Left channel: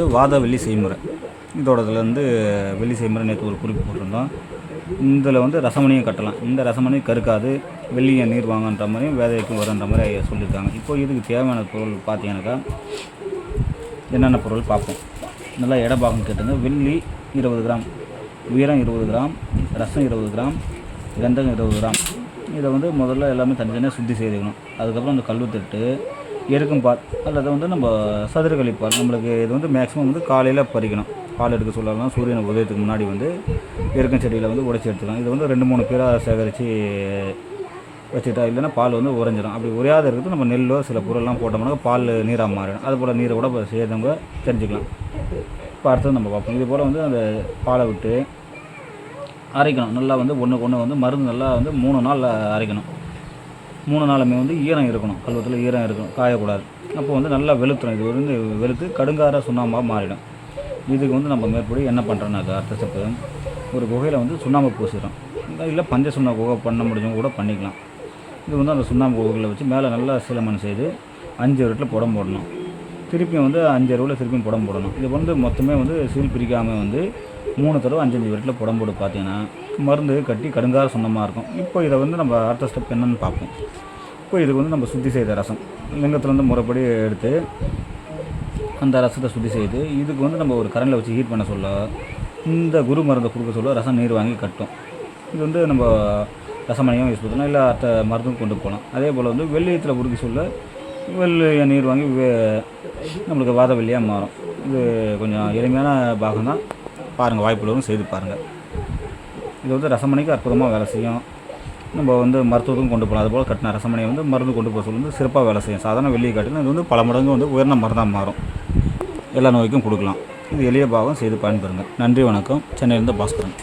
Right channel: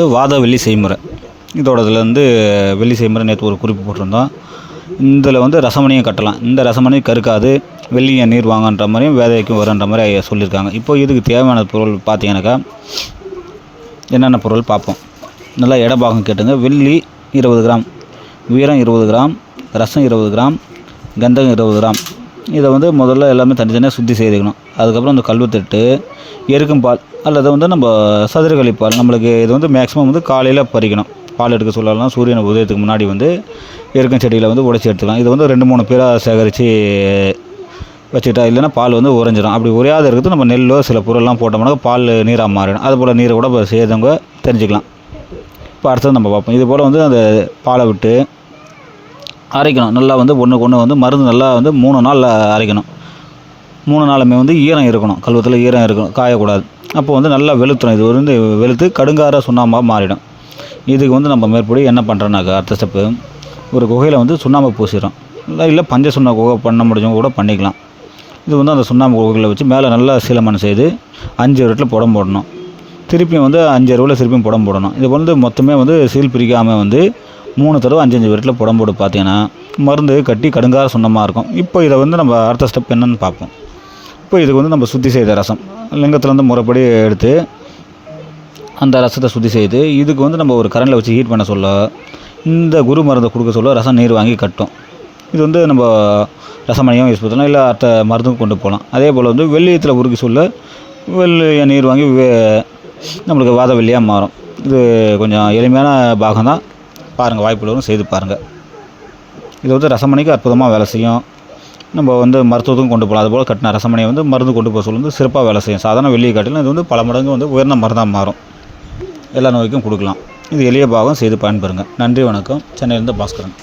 வாத வெள்ளி செய்முறை. இதோட இதில் வந்து வெள்ளி செய்முறை நேற்று ஒரு குறிப்பு போட்டிருந்தோம். இதில் வந்து ரசமணியை கட்டலாம். இந்த ரசமணி கருக்காது வெள்ளியை நீர் வாங்கன்ற மாதிரியும் வேதைக்கும் வருன்ற மாதிரி சொல்லியிருக்காங்க. இப்போ இதுக்கு தேவையான பொருள் பார்த்தீங்கன்னாக்கா என்னென்ன பொருள் பார்ப்போம். நல்லா இட பாகம் கேட்டுங்க. வெள்ளி இருபது கிராம் வீரம் இருபது கிராம் ரசம் இருபது கிராம் கந்தகம் இருபது கிராம். இதை வந்து முதல்ல எல்லாமே தனித்தனியாக சுத்தி செய்துக்கணும். அதுக்கப்புறம் அந்த கல்வத்தட்டு எருக்கும் பால் அல்லது வந்து நம்ம சதுரகளி பால் நம்மளுக்கு இது வந்து மேக்ஸிமம் வந்து காலையில் பறிக்கணும். பால் எடுக்க சொல்லலாம் சூரியன் உதயத்துக்கு முன்னாடி வந்து எருக்கும் செடியில் வந்து உடைச்சி எடுத்துக்கலாம். இது வந்து ரெண்டு மூணு பேராக சேகரித்து வச்சுக்கிட்டா இல்லைன்னா பால் வந்து உறைஞ்சிடும் அப்படி உரையாத இருக்கிறது நம்ம நெல்லோ சில பொருள்லாம் போட்டோம்னாக்கா பால் நீராக மாறிடும். அதுபோல் நீரை கூட இப்போ செய்தவங்க தெரிஞ்சுக்கலாம். இப்போ அடுத்தது நம்ம பார்ப்போம். இது போல் வந்து அந்த பாலை விட்டு அரைக்கணும். நல்லா வந்து ஒன்றுக்கு ஒன்று வந்து மருந்து நல்லா வந்து மூணு நாள் அரைக்கணும். மூணு நாளுமே வந்து ஈரம் இருக்கணும். கல்வத்தில் ஈரம் இருக்கணும். காயக்கூடாது. அப்போ வந்து நல்லா வெளுத்துடும் இது வந்து வெளுத்து கடுங்கார சுண்ணாம்பாக மாறிடும். இதுக்கு வந்து நம்ம மேற்படி என்ன பண்ணுறோன்னாக்கா அடுத்த ஸ்டெப்பு ஒரு குகையில் வந்து சுண்ணாம்பு பூசிடும் இல்லை இல்லை பஞ்ச சுண்ணா குகை பண்ண முடிஞ்சவங்க கூட பண்ணிக்கலாம். இது வந்து அந்த சுண்ணாம்பு குகையில் வச்சு மேலே நல்லா சீலமனம் செய்து அஞ்சு இடத்துல புடம் போடணும். திருப்பியும் வந்து அஞ்சு அறுவில் திருப்பியும் புடம் போடணும். இது வந்து மொத்தமே வந்து சீல் பிரிக்காமல் வந்து மூணு தடவை அஞ்சஞ்சு வீட்டில் விரட்டில் புடம் போட்டு பார்த்தீங்கன்னா மருந்து கட்டி கடுங்கார சுண்ணமாக இருக்கும். இப்போ இதை வந்து நம்ம அடுத்த ஸ்டெப் என்னன்னு பார்ப்போம். இப்போ இதுக்கு வந்து நம்ம சுத்தி செய்த ரசம். லிங்கத்துலேருந்து முறைப்படி எடுத்து அந்த ரசத்தை சுத்தி செய்து இதுக்கு வந்து நம்ம ஒரு கரண்டில் வச்சு ஹீட் பண்ண சொல்ல இந்த குரு மருந்தை கொடுக்க சொல்ல ரசம் நீர் வாங்கி கட்டும். இது வந்து நம்ம ரசமணியும் யூஸ் பண்ணலாம். இல்லை அடுத்த மருந்துக்கும் கொண்டு போகலாம். அதே போல் வந்து வெள்ளியத்தில் உருக்கி சொல்ல வெள்ளிய நீர் வாங்கி வே- நம்மளுக்கு வாத வெள்ளியாக மாறும். இது கொஞ்சம் எளிமையான பாகம் தான் பாருங்கள் வாய்ப்புள்ளவரும் செய்து பாருங்கள் இது வந்து ரசமணிக்கு அற்புதமாக வேலை செய்யும். நம்ம வந்து மருத்துவத்துக்கும் கொண்டு போகலாம். அதுபோல் கட்டின ரசமணியை வந்து மருந்து கொண்டு போக சொல்லி வந்து சிறப்பாக வேலை செய்யும். சாதாரண வெள்ளியை காட்டிலும் இது வந்து பல மடங்கு வந்து உயர்ந்த மருந்தாக மாறும். எல்லா நோய்க்கும் கொடுக்கலாம். இது எளிய பாகம் செய்து பயன்பெறுங்க. நன்றி வணக்கம். சென்னையிலேருந்து பாஸ்கரன்.